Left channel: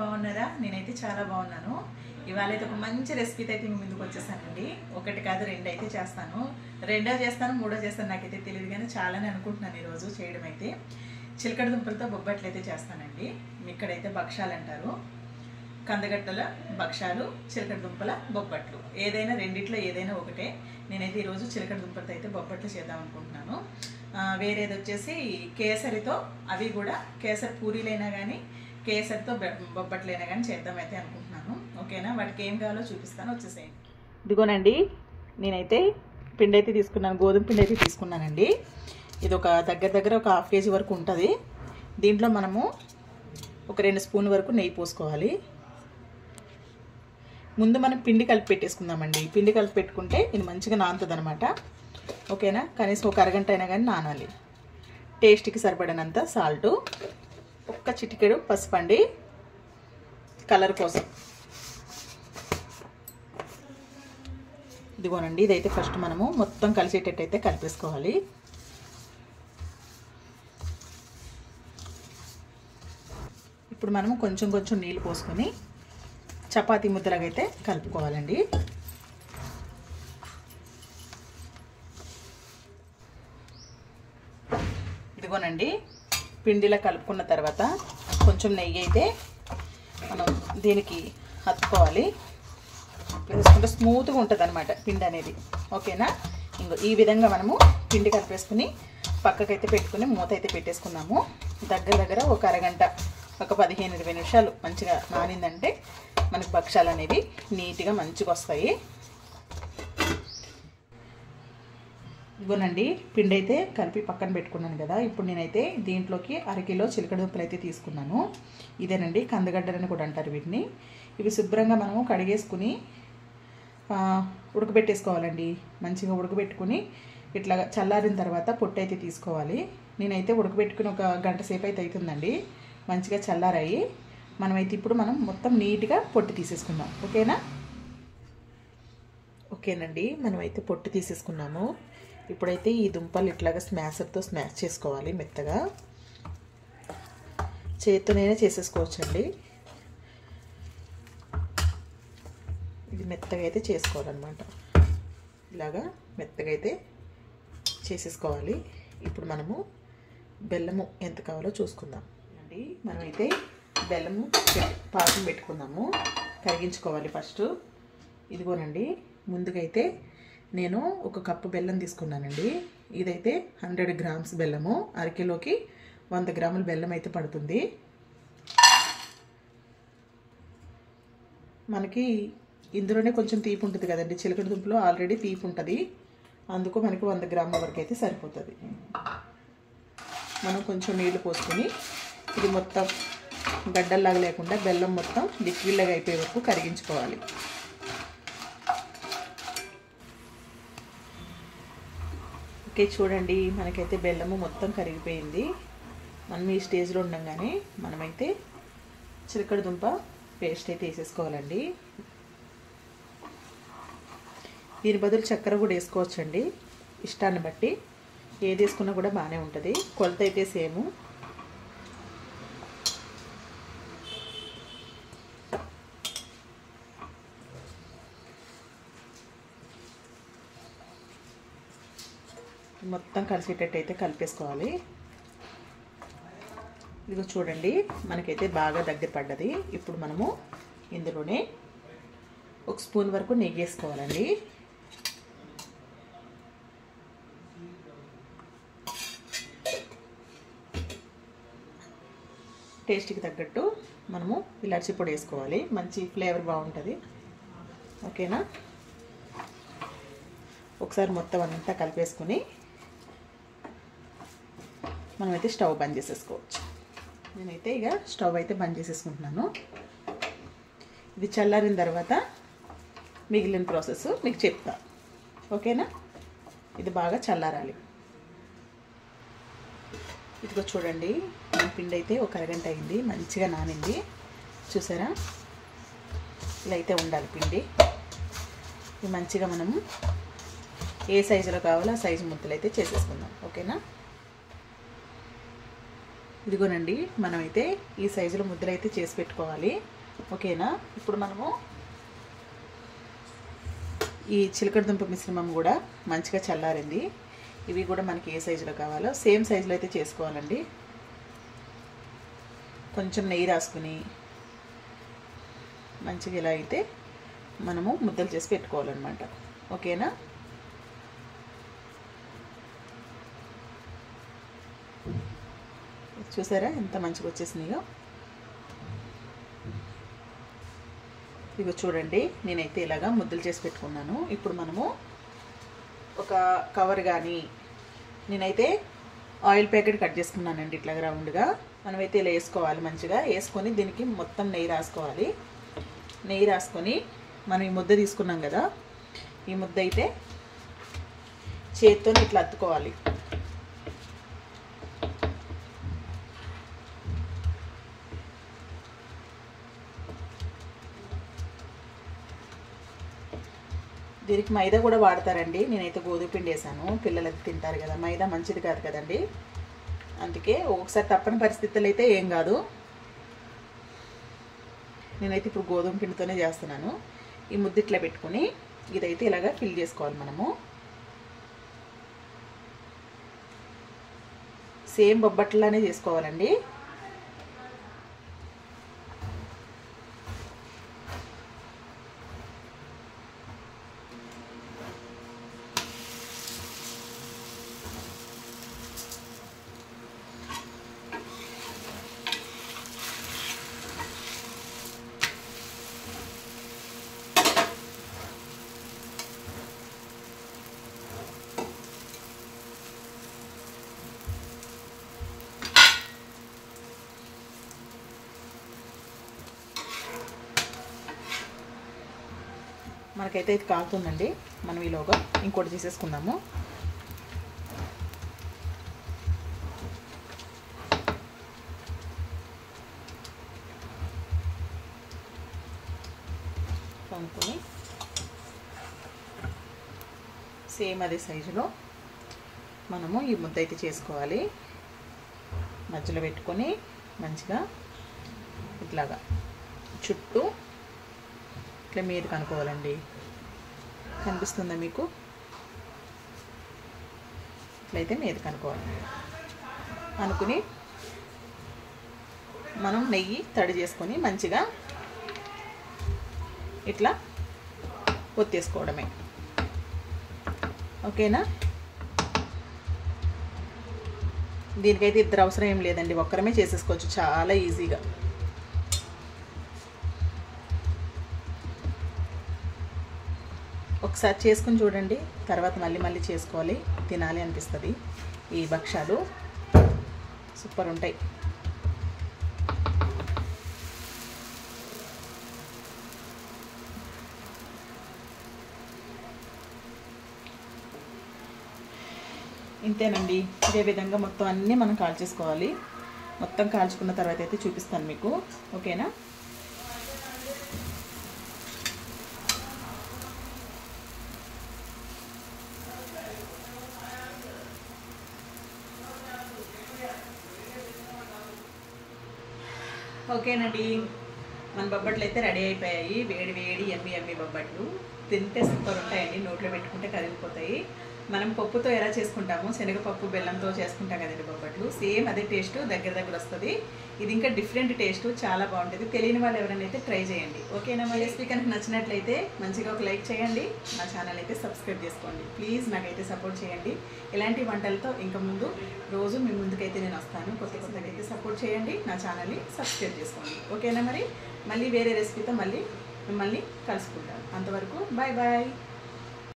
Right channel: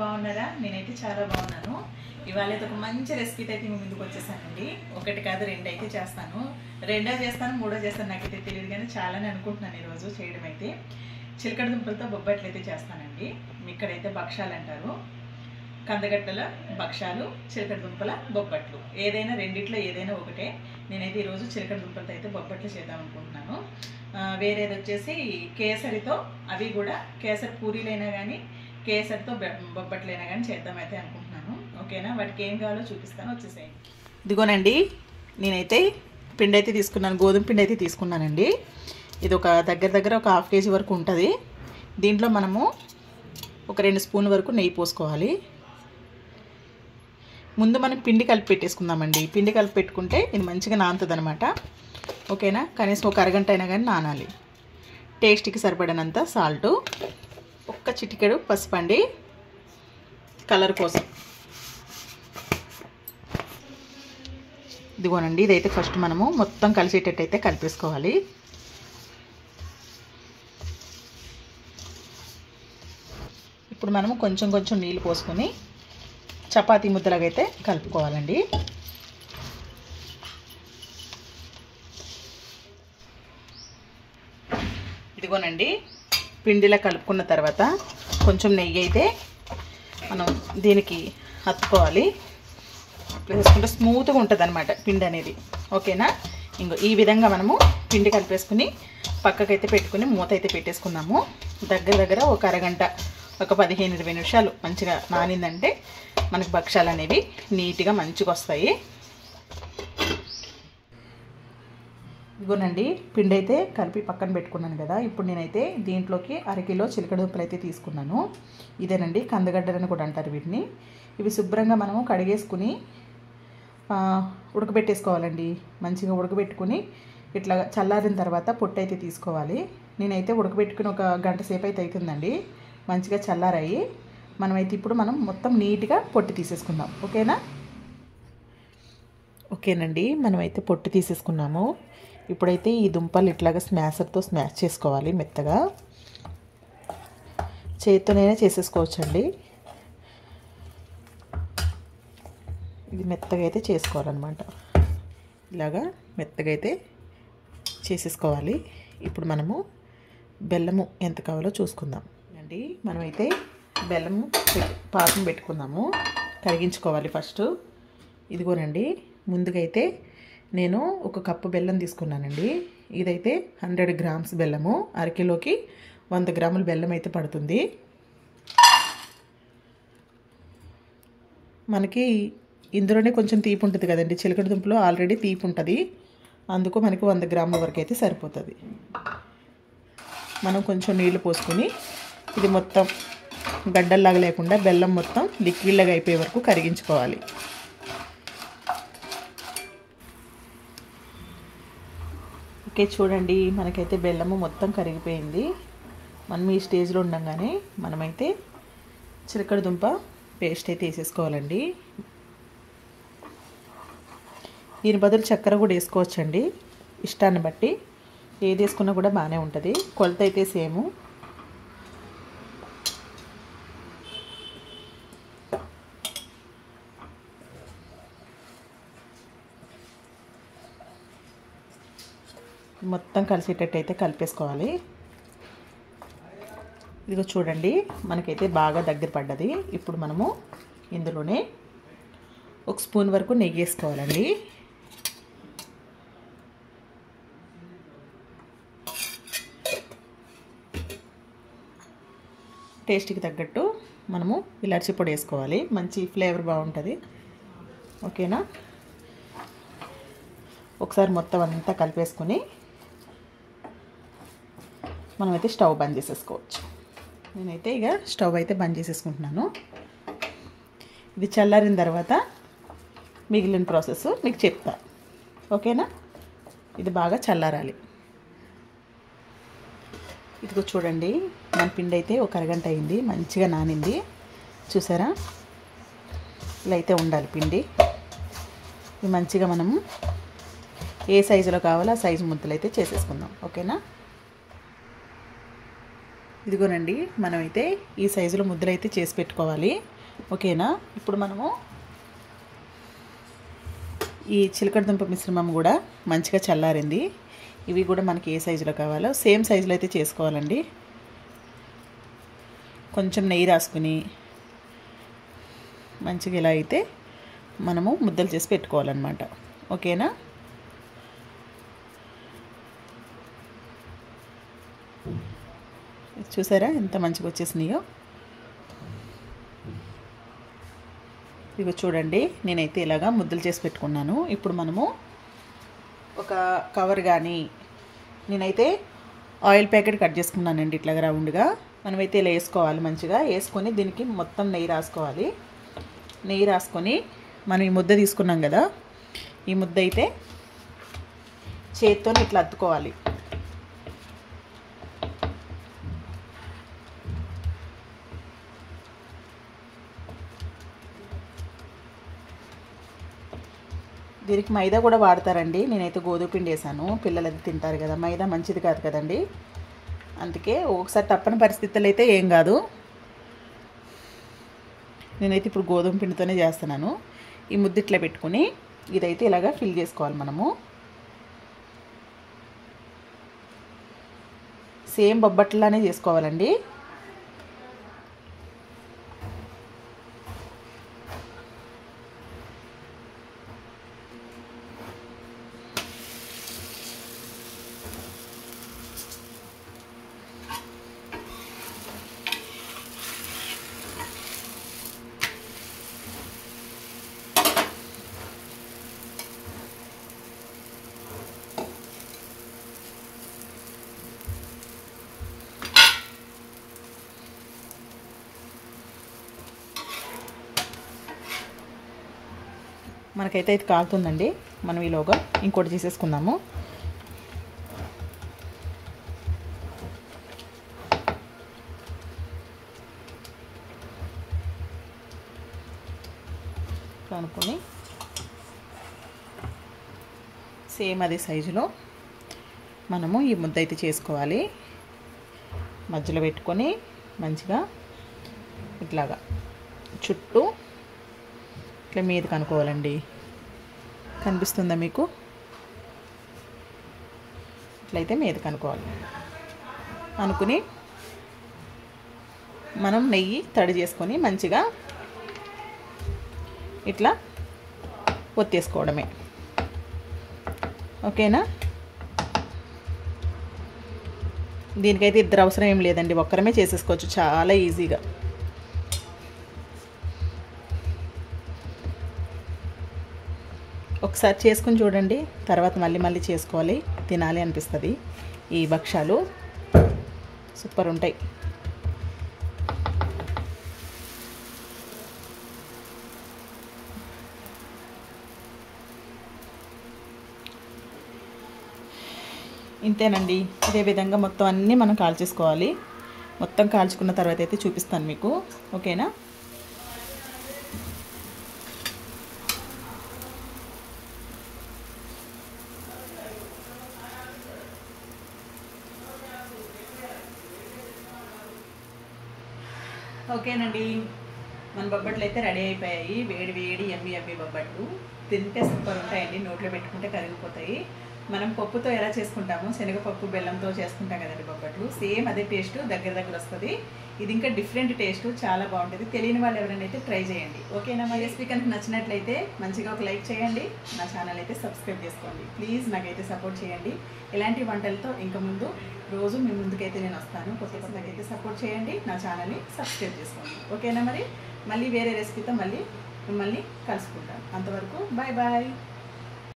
బాగున్నారా? నేనైతే చాలా బాగున్నాను. ఇవాళ అయితే ఒక మంచి రెసిపీతో అయితే ముందుకు వచ్చేసానండి. ఒకటి కాదు రెండు అయితే చేస్తాను. రెండో చేస్తాను, మూడో చేస్తాను నాకైతే తెలియదు, కానీ చాలానే అనుకుంటున్నాను ఈరోజు చేయడం అయితే. చిలకడ దుంపలతో బొబ్బట్లు అయితే చేస్తానండి. ఇక్కడైతే భక్షాలు అంటారు. కందగట్టల భక్షాలు, చిలకడ దుంపల బొబ్బట్లు, ఏదైనా రెండిట్లో ఏదైనా ఒకటే. నేనైతే ఈరోజు చిలకడ దుంపలతో అయితే బొబ్బట్లు చేద్దాం అనుకుంటున్నాను. వేరేది వచ్చేసి కేసరితో, అవి కూడా కేసరి పూరీలైనా కానీ కేసరితో బొబ్బట్లైనా కానీ చేద్దామైతే అనుకుంటున్నాను. ఓకేనా? వాటికి ఏం కావాలో చూపిస్తాను, వచ్చేసేయండి. ఇదిగోనండి, నేనైతే పిండి అయితే తీసుకున్నాను, గోధుమ పిండి అయితే తీసుకున్నానండి. ఇది ఒక దగ్గర ఒక 1/2 kg వరకు ఉంటుంది. దీంట్లో మనము ఒక 2 స్పూన్ల వరకు నెయ్యి పోసుకోవాలి. ముందు మనం పిండి కలిపి పెట్టేసుకుందామండి. పిండి కలిపి పెట్టుకుంటే ఇది మంచిగా నానుతుంది అనమాట. ఓకేనా? కనీసం ఒక అరగంట అయినా కానీ నానాలి. టేస్ట్కి సరిపడినంత సాల్టు, ఒక్క చిటికెడు పసుపు అండి, కలర్ కోసం. ఇదిగోనండి, ఇదైతే ఫస్ట్ మనము మొత్తం కలిసేటట్టు అయితే కలిపేసుకోవాలి. ఇప్పుడు మనము కొంచెం నీళ్ళు పోసుకొని చపాతీ ముద్దలాగైతే కలుపుకోవాలండి. ఇదిగోనండి, పిండిలా కలుపుకున్న తర్వాత కొంచెం నెయ్యి అయితే మనం దీనికి హత్తుకోవాలి. వేసుకుంటే స్మూత్గా ఉంటుంది అనమాట పిండి అనేది. ఓకేనా? ఇంకో ఈ విధంగా మనము పిండి కలిపేసుకుని పక్కకైతే పెట్టుకుని మూత అయితే పెట్టేసుకున్నాము. దగ్గర ఒక అరగంట, ఒక 15-20 నిమిషాలు మంచిగా నానిందంటే మనకు భక్షాలు అనేవి నీట్గా మంచిగా వస్తాయి. ఇదిగోనండి, పిండి అయితే కలిపి పక్కన పెట్టుకున్నాను కదా. ఇప్పుడు నేనైతే దీంట్లోకి 1/2 కిలో చిలకడ దుంపలు అయితే తీసుకున్నాను. ఇదేనండి, కందగడ్డలని కూడా అంటారు వీటిని. ఇవి శుభ్రంగా మనము కడిగేసుకుని ఉడకబెట్టేసుకోవాలండి. మంచిగా ఉడకబెట్టుకుని ఇట్లా చల్లారిన తర్వాత పొట్టు అయితే తీసుకోవాలి. నేనైతే ఉడకబెట్టుకుని ఒక గంట సేపు అయితే అవుతుందండి. మంచిగా చల్లారాయి. మనమైతే ఇప్పుడు మొత్తం నీట్గా పొట్టు తీసేసుకుందాం. ఓకేనండి, మనమైతే పొట్టు తీసేసుకున్నాము. ఇప్పుడైతే ఈ దుంపలు ఇట్లాగా స్మాషర్తో స్మాష్ చేసుకోవాలి మెత్తగా. చేతితోనైనా చేసేసుకోవచ్చండి. ఇది మెత్తగా అయితే చేసుకోవాలన్నమాట. ఇలాగా మెత్తగా అయితే చేసేసుకోవాలి. ఇప్పుడు మనము బెల్లము ఎంత కావాలో చూసుకుందాం అండి. మనమైతే బెల్లము పాకం పెట్టుకుందాము. కరిగించుకోవాలి ఫస్ట్. ఇదిగోనండి, ముందుగా అయితే నేను 1 కప్పు బెల్లం తీసుకున్నానండి. ఇదైతే 100 గ్రామ్స్ బెల్లము. 1/2 కిలోకి 100 గ్రాముల బెల్లం అయితే పడుతుంది. మనకి ఇందులోనే కొంచెం తీపి ఉంటుంది కదండి, చిలకడ దుంపలో ఆల్రెడీ తీపి ఉంటుంది. అందుకు మనకి 100 గ్రాముల వరకు అయితే సరిపోతుంది. మనం కొంచెం నీళ్లు పోసుకొని ఇది మొత్తం గడ్డల్లాగా లేకుండా బెల్లం మొత్తం లిక్విడ్లాగా అయిపోయే వరకు కరిగించుకోవాలి. ఓకే, చూడండి, మనకైతే బెల్లము మొత్తం కరిగిపోయింది. మనం ఈ స్టేజ్లో ఉండగానే మనమైతే చిలకడ దుంప పేస్ట్ అయితే వేసేసుకోవాలండి. దీని బదులు చక్కెర కూడా వేసుకోవచ్చండి, ఇష్టాన్ని బట్టి. ఏది వేసుకున్నా కూడా బాగానే ఉంటుంది. కొలత అయితే సేము. మొత్తం కలిసేటట్టు అయితే కలిపేసుకోవాలి. ఇదిగో చూడండి, మనకైతే బాగా దగ్గర పడ్డది. ఇప్పుడు మనము ఇందులోనే 1 స్పూన్ వరకు నెయ్యి వేసుకోవాలండి. టేస్ట్కి తగ్గట్టు మనము ఇలాచీ పొడి వేసుకోవాలి. మంచి ఫ్లేవర్ బాగుంటుంది. ఓకేనా? ఒకసారి మొత్తం అంతా కలిపేసుకుని మనమైతే స్టవ్ బంద్ చేసేసుకోవచ్చు. నేనైతే ఇక స్టవ్ అయితే బంద్ చేసేసుకుంటున్నాను. ఇది చల్లారిన తర్వాత మిగిలిన ప్రాసెస్ మీకు చెప్తా. ఓకేనా? ఇది బాగా చల్లారాలి. ఇదిగో చూడండి, మన పిండి అయితే ఒక అరగంట అయింది, మంచిగా నానింది. చూసారా? ఇలా అయితే ఉండాలి పిండి. ఇది మంచిగా మనము ఏ సైజులో కావాలో ఆ సైజు ముద్దలు అయితే చేసేసుకుందాం. ఓకేనా? ఇదిగోనండి, మనమైతే ఈ సైజులో ముద్దలు అయితే చేసి పెట్టుకోవాలి. ఓకేనా? ఇప్పుడు మనము ఈ చిలకడ దుంప మిశ్రమం కూడా మంచిగా చల్లారింది. ఇవి కూడా మనకి ఏ సైజులో కావాలో సేమ్ సైజులో అయితే చేసుకోవాలండి. కొంచెం నెయ్యి రాసుకుని మంచిగా ఇలా అయితే మనము ముద్దలు చేసి పెట్టుకోవాలన్నమాట. ఓకేనా? చూసారా ఎంత మంచిగా వచ్చేసినాయో. ఇగో చూడండి, నేనైతే ఇలాగా ముద్దలు చేసి పెట్టుకున్నాను. ఇప్పుడు మనము ఒక కవర్ కానీ, నేనైతే ఆయిల్ ప్యాకెట్ కట్ చేసుకున్నానండి ఇట్లాగా రౌండ్గా. మనమైతే ఇలా వేసుకోవాలి. మంచిగా వేసుకొని దీనికి మొత్తం నెయ్యి రాసుకోవాలి. నెయ్యి రాసుకొని మనం ఈ ముద్ద తీసుకున్నాం కదా, ఈ ముద్ద అయితే చేతితో ఇట్లా అత్తుకోవాలి. దీనికి మైదా కూడా వాడతారండి. నేనైతే గోధుమ పిండి వేసాను. పిల్లలు అది తింటారు కదా, మైదా మంచిది కాదు కదండి. అందుకే ఒకసారి తప్పని పరిస్థితులు అయితే ఏం కాదు. నేనైతే ఇప్పుడు గోధుమ పిండితోనే చేస్తున్నాను. ఈ ముద్ద ఇట్లా పెట్టుకుని ఇదైతే ఇలాగా ఫిల్ చేసుకోవాలి. మనము సేమ్ బొబ్బట్లానే చేసుకోవాలండి. మనకైతే ఇది కాలుతుందండి. మనం ఈలోగా ఇంకోటి చేసేసుకుందాము. అనుకుని సేమ్ అదే సైజులో మనము ఈ ముద్ద అయితే చేసుకోవాలి. మధ్యలో పెట్టుకొని మంచిగా ఇట్లాగా చుట్టూ ఇట్లా మీద కనుక్కోవాలండి. కనిపిస్తుందా మీకు? ఇట్లయితే మీద కనుక్కోవాలి. అనుకుని మనం నెయ్యి తడి చేసుకొని మంచిగా ఇట్లా ఒత్తేసుకోవడమే. ఓకేనా? దీనికైతే ఇద్దరు అవసరం ఏం లేదండి, ఒక్కరమే చేసేసుకోవచ్చు చాలా ఈజీగా. ఒకసారి చేసుకుని చూడండి, తర్వాత మళ్ళీ చేసుకోవాలి, తినాలి అనిపిస్తుంది. ఈ భక్షాలు సూపర్ ఉంటాయి. ఇంతేనండి. ఇదే విధంగా మొత్తం అన్నీ మనం కాల్చేసుకోవాలి. మొత్తం కాల్చుకున్న తర్వాత అయితే చూపిస్తాను మీకు. ఓకేనా? ఓకేనండి, మన బొబ్బట్లు అయితే రెడీ అయిపోయాయి. వేడి వేడి ఎమ్మి బొబ్బట్లు తింటే సూపర్ ఉంటాయండి. నోట్లో పెట్టుకుంటే కరిగిపోతాయి. మనం పప్పుతో ఎలా చేసుకుంటామో, శనగపప్పు బెల్లంతో చేసుకుంటాం కదండి బొబ్బట్లు, సేమ్ అదే టేస్ట్ దగ్గర వస్తుంది. ఇది ఇంకా డిఫరెంట్ టేస్ట్, చాలా బాగుంటుంది. తెలియని వాళ్ళు ఎవరైనా అయితే ట్రై చేయండి. ఓకేనా? మా రెసిపీ కనుక నచ్చినట్లయితే మంచిగా ఒక లైక్ చేయండి. నా ఛానల్ అయితే సబ్స్క్రైబ్ చేసుకోండి ప్లీజ్. నాకైతే సపోర్ట్ చేయండి. ఇలాంటి వంటలతో ఇంకా ముందు రోజు మీ ముందుకైతే నేను వస్తాను. కొత్తకైతే సపోర్ట్ చేయండి. నా ఛానల్ని సబ్స్క్రైబ్ చేసుకోండి. ఓకేనా? మళ్ళీ వేరే రెసిపీతో మిమ్మల్ని కలుసుకుంటాను. అంతవరకు బాయ్ బాయ్.